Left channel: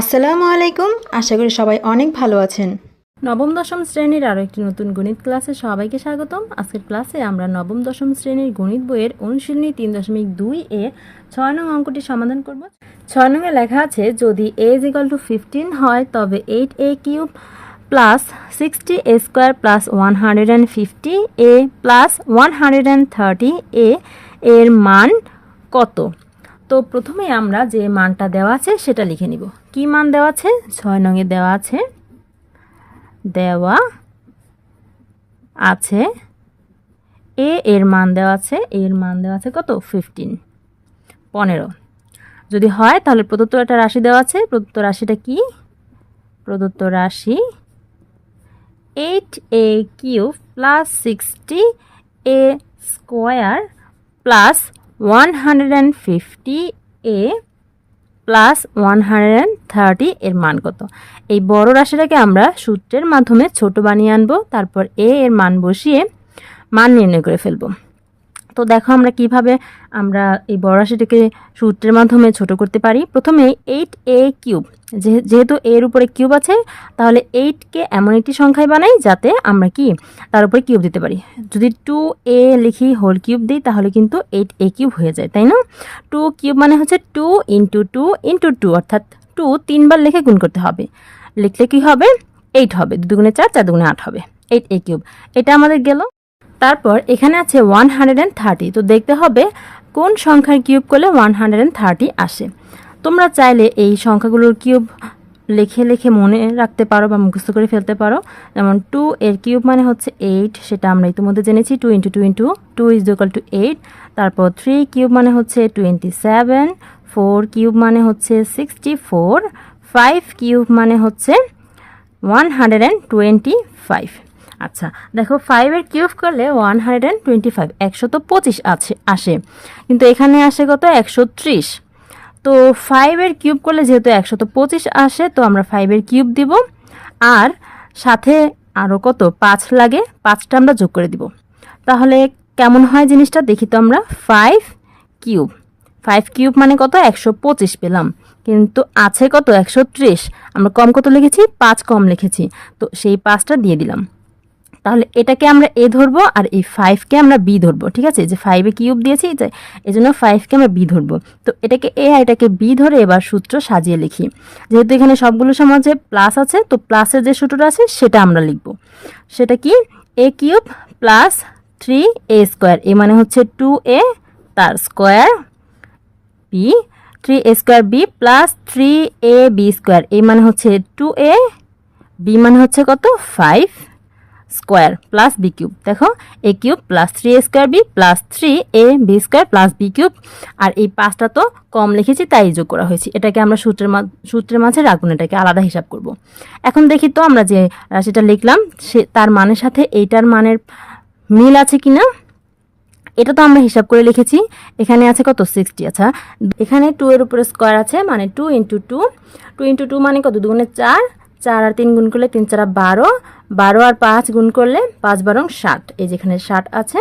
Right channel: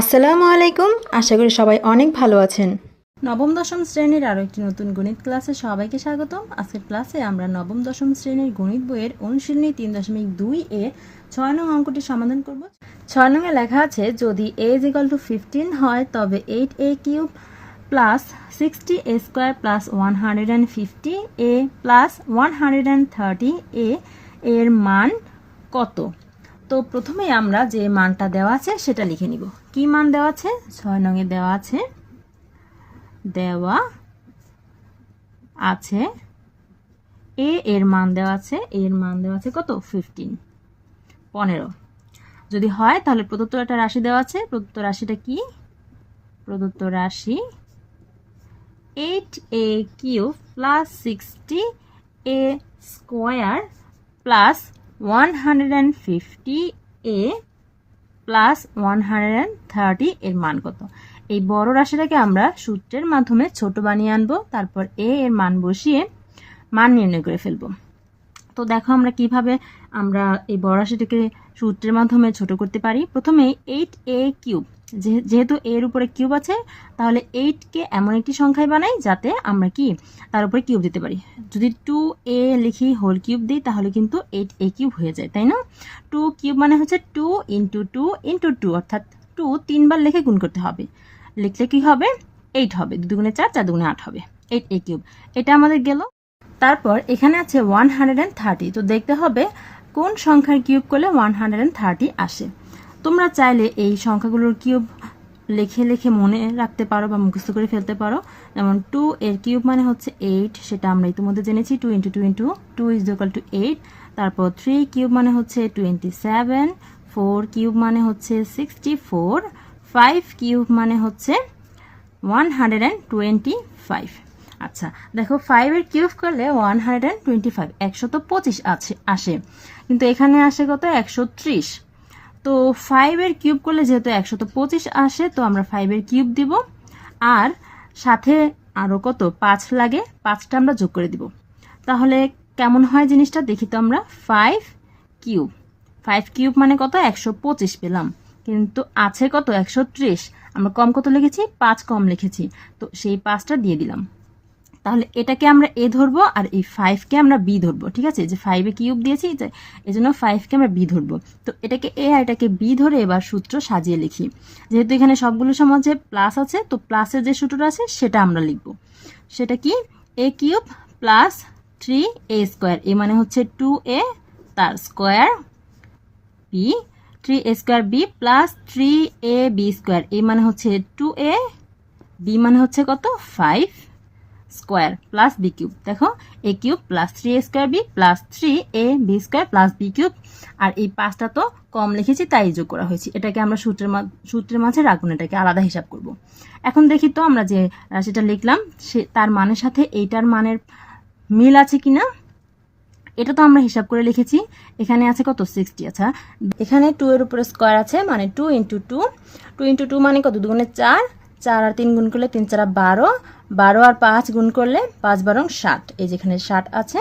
আসসালামু আলাইকুম। আশা করি সবাই অনেক ভালো আছেন। নবম, দশম শ্রেণির আরও একটি নতুন গণিত ক্লাসে সবাইকে স্বাগতম। আজকের ক্লাসে আমরা নবম, দশম শ্রেণির গণিত বইয়ের অনুশীলনী তিন দশমিক দুই এ ছয় নং অঙ্কটি সমাধান করব। ছয় নংয়ে লেখা আছে, যদি A is equal to fifteen হয়, তবে eight A cube plus sixty A square plus one hundred and fifty A plus one hundred and thirty A এর মান কত? তো প্রথমে আমরা যে মানটা দেওয়া আছে সেটা লিখে নিব। কি মান দেওয়া আছে? ছয় নঙে দেওয়া আছে। দেওয়া আছে। এ এর মান দেওয়া আছে। এর মান দেওয়া আছে কত? ফিফটিন পনেরো। যদি হয় তাহলে প্রদত্ত একটা রাশি দেওয়া আছে। প্রদত্ত রাশিটা কি? প্রদত্ত রাশি eight A cube plus sixty A square plus one hundred and fifty A plus one hundred and thirty এর মান কত? এই বড় রাশিটাকে আমরা সূত্রের মাধ্যমে ছোট বানিয়ে আনব, তারপর এ এর মান বসিয়ে মান নির্ণয় করে ফেলব। তো দেখো আমরা কীভাবে আমরা এই বড় রাশিটাকে সূত্রের মাধ্যমে ছোট করতে পারি। প্রথমে এইট এ কিউব যেহেতু এর উপরে কিউব আছে, তাহলে এইটকে এমন একটি সংখ্যায় বানাই যাতে আমরা কি তার উপরে কিউব দিতে পারি। যদি টু এ লিখি হোল কিউব দিই, তাহলে কিন্তু এইট এ কিউব হয়ে যায়, তাই না? টু কিউব মানে হচ্ছে two into two into two অর্থাৎ টু তিনবার লিখে গুণ করতে হবে। লিখলে কি হবে? এইট হবে, দুগুণে চার চার দুগুণে আট হবে। এইট এ কিউব এটা আমাদের গেল। তারপর এখানে আছে ওয়ান হান্ড্রেড অ্যান্ড থার্টি তো দেখতে হবে কোন সংখ্যার কিউব করলে ওয়ান হান্ড্রেড অ্যান্ড থার্টি আসে। তোমরা চাইলে এই সংখ্যাগুলোর কিউব লেখে লেখে মনে রাখতে পারো বা মুখস্থ করে ফেলতে পারো। যেমন টু এর কিউব মানে হচ্ছে এইট সেটা আমরা ইতিমধ্যে জেনেছি two into two into two is equal to eight তারপর থ্রি কিউব মানে হচ্ছে টোয়েন্টি সেভেন ফোর কিউব মানে হচ্ছে সিক্সটি ফোর ফাইভ কিউব মানে হচ্ছে one hundred and twenty five আচ্ছা দেখো ফাইভের কিউব করলে one hundred and twenty five একশো তো পঁচিশ আছে, আসে। কিন্তু এখানে আসে কত? একশো ত্রিশ। তো ফাইভের কিউব করলে যেহেতু একশো তো পঁচিশ আসে, তো আমরা ফাইভের কিউব দিব। আর সাথে আরও কত? পাঁচ লাগে, পাঁচটা আমরা যোগ করে দিব। তাহলে কেমন হয় জিনিসটা? দেখি তো আমরা। ফাইভ কিউব ফাইভ কিউব মানে কত? একশো পঁচিশ পেলাম। কিন্তু আছে কত? একশো ত্রিশ। আমরা কম কত লিখেছি? পাঁচ কম লিখেছি। তো সেই পাঁচটা দিয়ে দিলাম। তাহলে এটাকে আমরা এ ধরবো আর এই ফাইভকে আমরা বি ধরবো, ঠিক আছে? যে ফাইভে কিউব দিয়েছি, এই জন্য ফাইভকে আমরা বি ধরবো। তো এটাকে এ আর এটাকে বি ধরে এবার সূত্র সাজিয়ে লিখি। যেহেতু এখানে সবগুলো সমাজে প্লাস আছে, তো প্লাসের যে সূত্রটা আছে, সেটা আমরা লিখব। সেটা কি? A cube plus three A square A মানে হচ্ছে টু এ তার square B three A square B plus three A B square A মানে হচ্ছে টু এ বি মানে হচ্ছে কত? Five square plus B cube. দেখো, A cube plus three A square B plus three A B square plus B cube. আর এই পাঁচটা তো কম লিখেছি, তাই যোগ করা হয়েছে। এটাকে আমরা সূত্রের মা সূত্রের মাঝে রাখুন এটাকে আলাদা হিসাব করব। এখন দেখি তো আমরা যে রাশিটা লিখলাম, সে তার মানের সাথে এইটার মানের মিল আছে কি না? এটা তো আমরা হিসাব করে লিখেছি। এখানে আছে কত? সিক্সটি আচ্ছা এখানে টু এর উপরে স্কোয়ার আছে মানে two into two two into two মানে কত? দুগুণে চার। চার আর তিন গুণ করলে তিন চারা বারো। বারো আর পাঁচ গুণ করলে পাঁচ বারং ষাট। এই যেখানে ষাট আছে,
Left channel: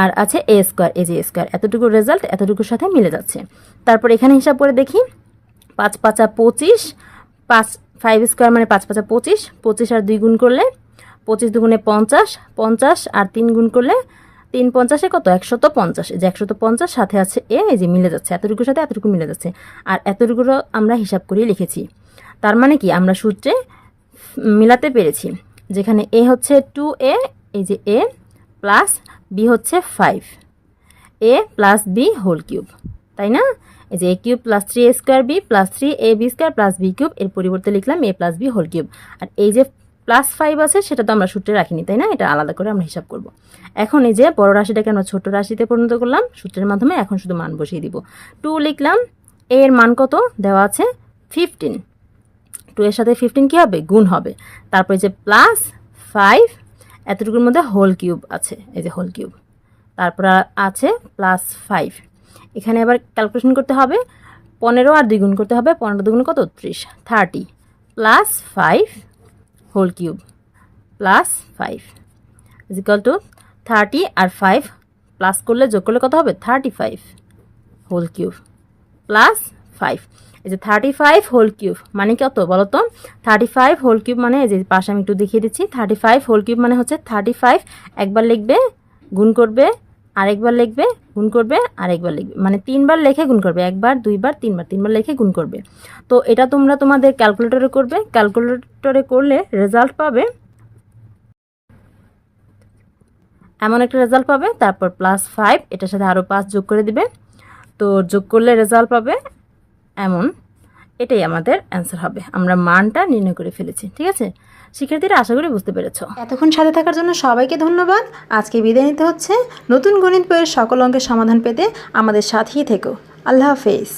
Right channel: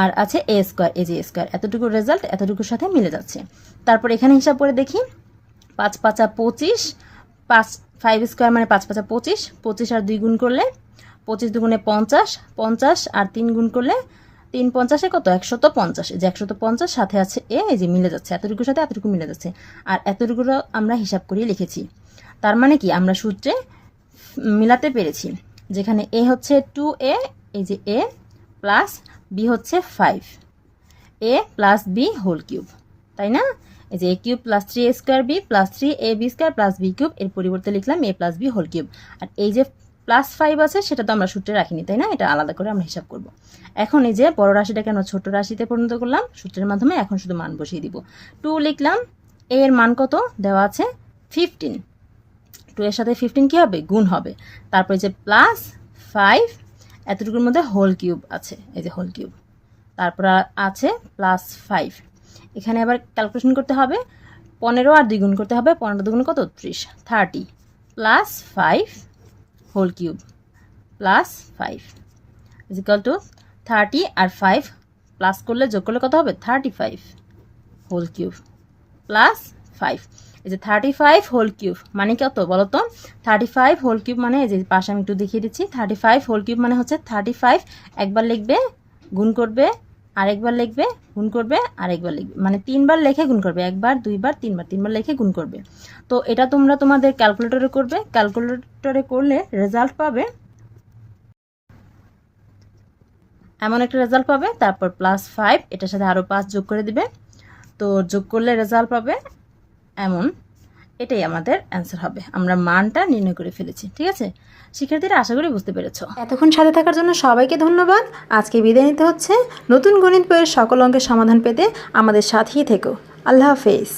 আর আছে এ স্কোয়ার এ যে স্কোয়ার এতটুকু রেজাল্ট এতটুকুর সাথে মিলে যাচ্ছে। তারপর এখানে হিসাব করে দেখি, পাঁচ পাঁচা পঁচিশ, পাঁচ ফাইভ স্কোয়ার মানে পাঁচ পাঁচা পঁচিশ পঁচিশ আর দুই গুণ করলে পঁচিশ দুগুণে পঞ্চাশ পঞ্চাশ আর তিন গুণ করলে তিন পঞ্চাশে কত? একশত পঞ্চাশ। যে একশত পঞ্চাশ, সাথে আছে এ যে মিলে যাচ্ছে। এতটুকুর সাথে এতটুকু মিলে যাচ্ছে। আর এতটুকুরও আমরা হিসাব করিয়ে লিখেছি। তার মানে কি? আমরা সূত্রে মিলাতে পেরেছি। যেখানে এ হচ্ছে টু এ এই যে এ প্লাস বি হচ্ছে five A plus B whole cube তাই না? এই যে A cube plus three A square B plus three A B square plus B cube এর পরিবর্তে লিখলাম A plus B whole cube আর এই যে প্লাস ফাইভ আছে, সেটা তো আমরা সূত্রে রাখিনি, তাই না? এটা আলাদা করে আমরা হিসাব করব। এখন এই যে বড় রাশিটাকে আমরা ছোট রাশিতে পরিণত করলাম, সূত্রের মাধ্যমে এখন শুধু মান বসিয়ে দিব। টু লিখলাম এর মান কত? দেওয়া আছে ফিফটিন টু এর সাথে ফিফটিন কী হবে? গুণ হবে। তারপরে যে প্লাস ফাইভ এতটুকুর মধ্যে হোল কিউব আছে, এই যে হোল কিউব তারপর আছে প্লাস ফাইভ এখানে এবার ক্যালকুলেশন করতে হবে, পনেরো আর দ্বিগুণ করতে হবে, পনেরো দুগুণ কত? ত্রিশ thirty plus five whole cube plus five is equal to thirty R five plus করলে যোগ করলে কত হবে? Thirty five whole cube plus five এই যে থার্টি ফাইভ হোল কিউব মানে কত বলো তো থার্টি ফাইভ হোল কিউব মানে এই যে পাশে আমি একটু দেখিয়ে দিচ্ছি। থার্টি ফাইভ হোল কিউব মানে হচ্ছে থার্টি ফাইভ একবার লিখবে, গুণ করবে, আরেকবার লিখবে, গুণ করবে, আরেকবার লিখবে। মানে তিনবার লেখে গুণ করবে। একবার, দুইবার, তিনবার তিনবার লেখে গুণ করবে। তো এটা তোমরা তোমাদের ক্যালকুলেটরে করবে। ক্যালকুলেটরে করলে রেজাল্ট পাবে এমন একটা রেজাল্ট পাবে। তারপর প্লাস ফাইভ এটার সাথে আরও পাঁচ যোগ করে দিবে। তো যোগ করলে রেজাল্ট পাবে এমন, এটাই আমাদের অ্যান্সার হবে। আমরা মানটা নির্ণয় করে ফেলেছি, ঠিক আছে? শিক্ষার্থীরা, আশা করি বুঝতে পেরেছ। এতক্ষণ সাথে থাকার জন্য সবাইকে ধন্যবাদ। আজকে বিদায় নিতে হচ্ছে। নতুন গণিত বইয়ের সকল অঙ্কের সমাধান পেতে আমাদের সাথেই থেকো। আল্লাহ হাফেজ।